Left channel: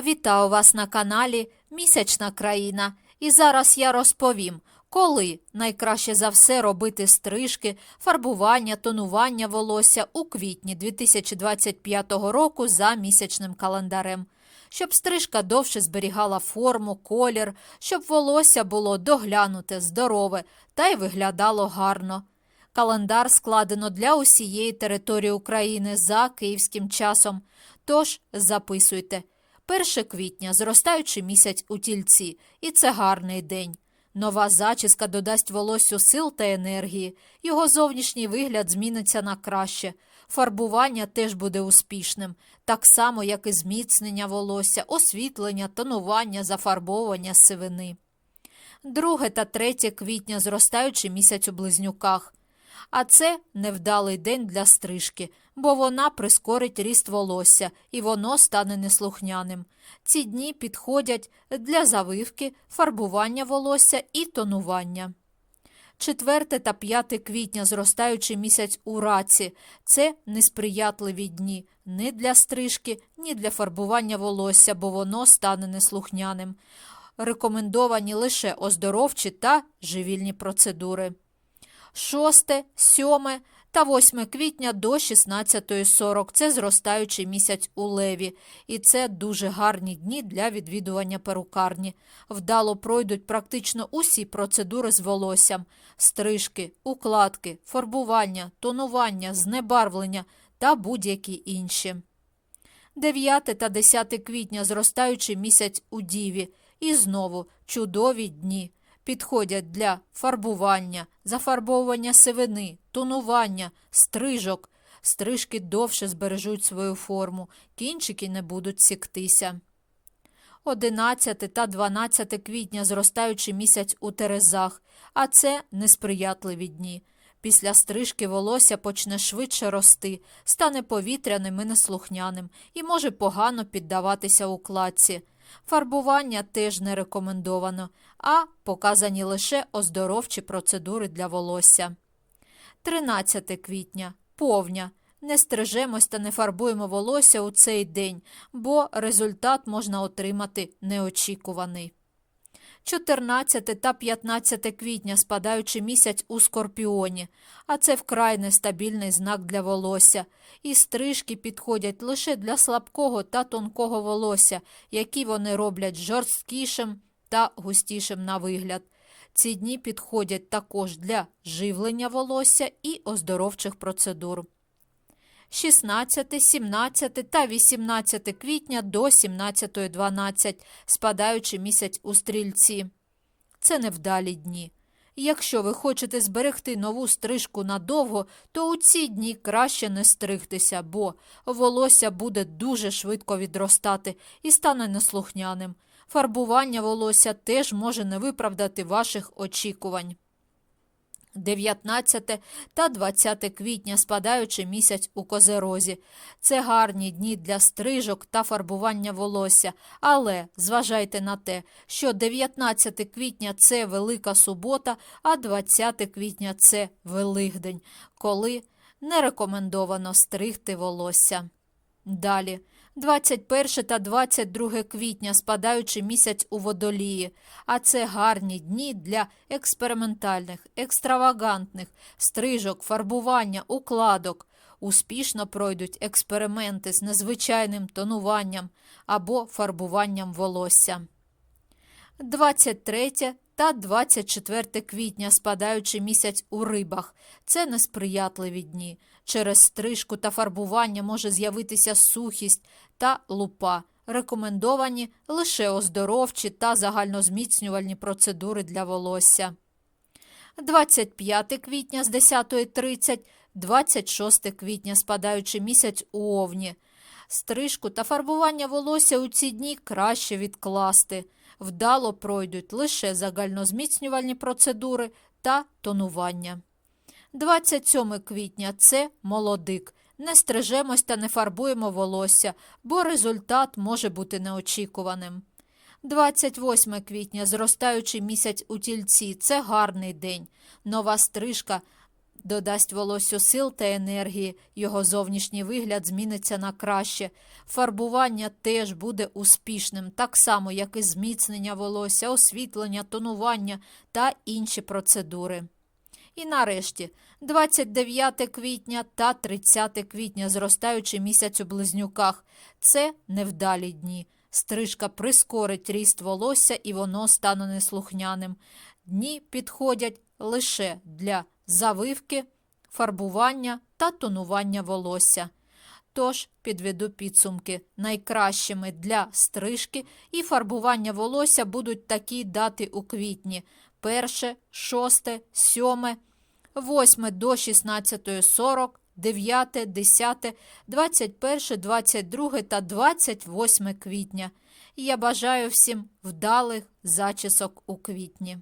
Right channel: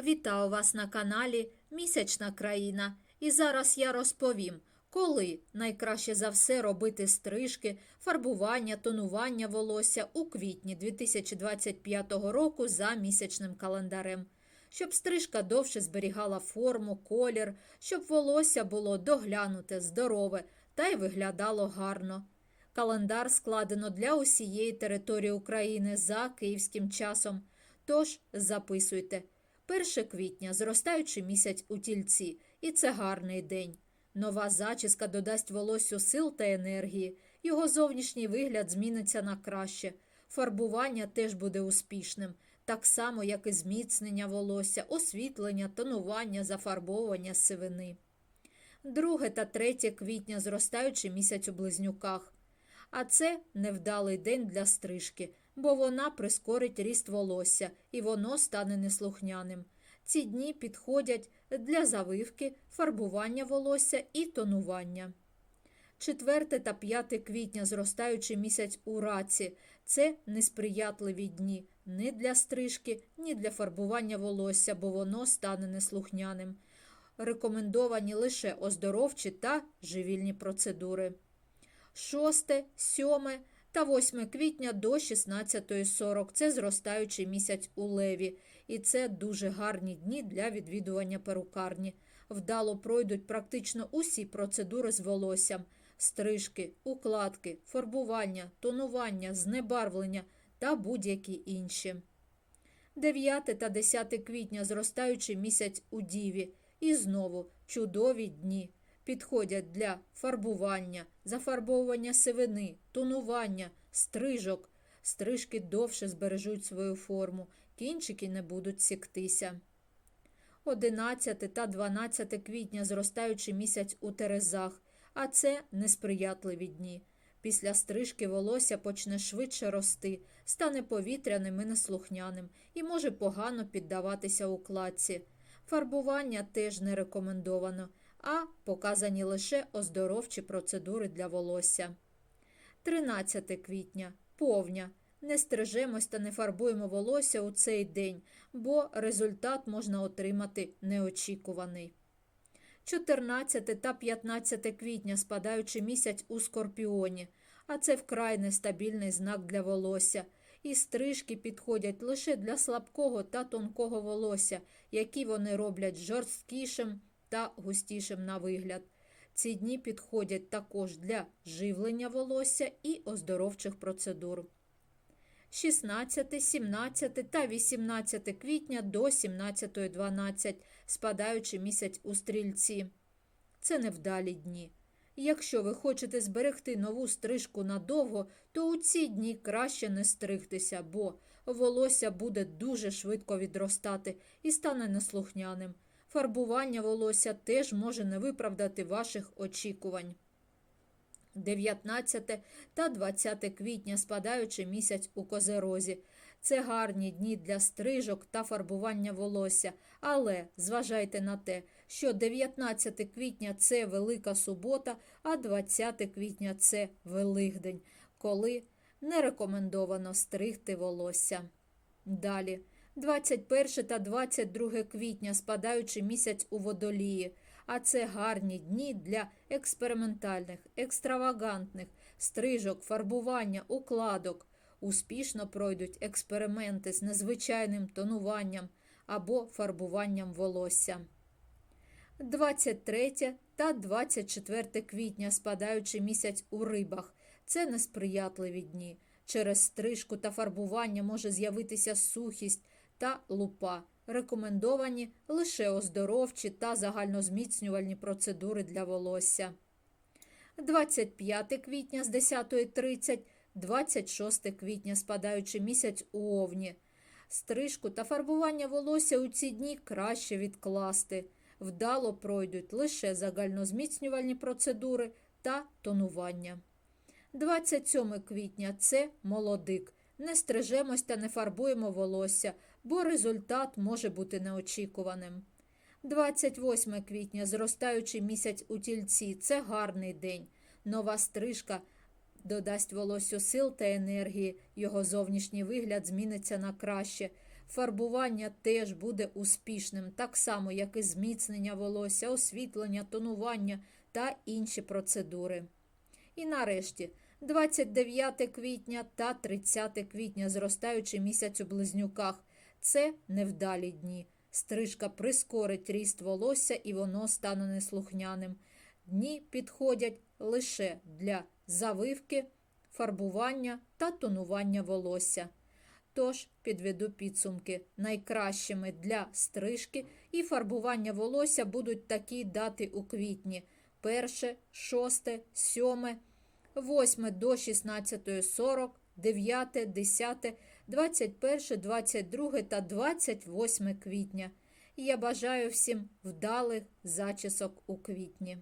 Вітаю вас на каналі Місячна країна. І зараз я розповім, коли найкраще за все робити стрижки, фарбування, тонування волосся у квітні 2025 року за місячним календарем. Щоб стрижка довше зберігала форму, колір, щоб волосся було доглянуте, здорове та й виглядало гарно. Календар складено для усієї території України за київським часом. Тож записуйте. 1 квітня зростаючий місяць у тільці, і це гарний день. Нова зачіска додасть волоссю сил та енергії, його зовнішній вигляд зміниться на краще. Фарбування теж буде успішним, так само, як і зміцнення волосся, освітлення, тонування, зафарбовування сивини. 2 та 3 квітня зростаючий місяць у близнюках. А це невдалий день для стрижки, бо вона прискорить ріст волосся і воно стане неслухняним. Ці дні підходять для завивки, фарбування волосся і тонування. 4 та 5 квітня зростаючий місяць у раці – це несприятливі дні ні для стрижки, ні для фарбування волосся, бо воно стане неслухняним. Рекомендовані лише оздоровчі та живільні процедури. 6, 7 та 8 квітня до 16.40 – це зростаючий місяць у леві, і це дуже гарні дні для відвідування перукарні. Вдало пройдуть практично усі процедури з волоссям – стрижки, укладки, фарбування, тонування, знебарвлення та будь-які інші. 9 та 10 квітня зростаючий місяць у Діві. І знову чудові дні. Підходять для фарбування, зафарбовування сивини, тонування, стрижок. Стрижки довше збережуть свою форму, кінчики не будуть сіктися. 11 та 12 квітня зростаючий місяць у Терезах, а це несприятливі дні. Після стрижки волосся почне швидше рости, стане повітряним і неслухняним і може погано піддаватися укладці. Фарбування теж не рекомендовано, а показані лише оздоровчі процедури для волосся. 13 квітня повня. Не стрижемось та не фарбуємо волосся у цей день, бо результат можна отримати неочікуваний. 14 та 15 квітня спадаючий місяць у скорпіоні, а це вкрай нестабільний знак для волосся. І стрижки підходять лише для слабкого та тонкого волосся, які вони роблять жорсткішим та густішим на вигляд. Ці дні підходять також для живлення волосся і оздоровчих процедур. 16, 17 та 18 квітня до 17.12, спадаючи місяць у стрільці. Це невдалі дні. Якщо ви хочете зберегти нову стрижку надовго, то у ці дні краще не стригтися, бо волосся буде дуже швидко відростати і стане неслухняним. Фарбування волосся теж може не виправдати ваших очікувань. 19 та 20 квітня спадаючи місяць у козерозі. Це гарні дні для стрижок та фарбування волосся, але зважайте на те, що 19 квітня це Велика субота, а 20 квітня це Великдень, коли не рекомендовано стригти волосся. Далі. 21 та 22 квітня спадаючи місяць у водолії, а це гарні дні для експериментальних, екстравагантних стрижок, фарбування, укладок. Успішно пройдуть експерименти з незвичайним тонуванням або фарбуванням волосся. 23 та 24 квітня спадаючи місяць у рибах. Це несприятливі дні. Через стрижку та фарбування може з'явитися сухість та лупа. Рекомендовані лише оздоровчі та загальнозміцнювальні процедури для волосся. 25 квітня з 10.30, 26 квітня спадаючи місяць у овні. Стрижку та фарбування волосся у ці дні краще відкласти. Вдало пройдуть лише загальнозміцнювальні процедури та тонування. 27 квітня це молодик. Не стрижемось та не фарбуємо волосся, бо результат може бути неочікуваним. 28 квітня зростаючий місяць у тільці це гарний день. Нова стрижка додасть волоссю сил та енергії, його зовнішній вигляд зміниться на краще. Фарбування теж буде успішним, так само, як і зміцнення волосся, освітлення, тонування та інші процедури. І нарешті 29 квітня та 30 квітня, зростаючий місяць у близнюках. Це невдалі дні. Стрижка прискорить ріст волосся і воно стане неслухняним. Дні підходять лише для завивки, фарбування та тонування волосся. Тож підведу підсумки. Найкращими для стрижки і фарбування волосся будуть такі дати у квітні: 1, 6, 7, 8 до 16.40, 9, 10, 21, 22 та 28 квітня. І я бажаю всім вдалих зачісок у квітні.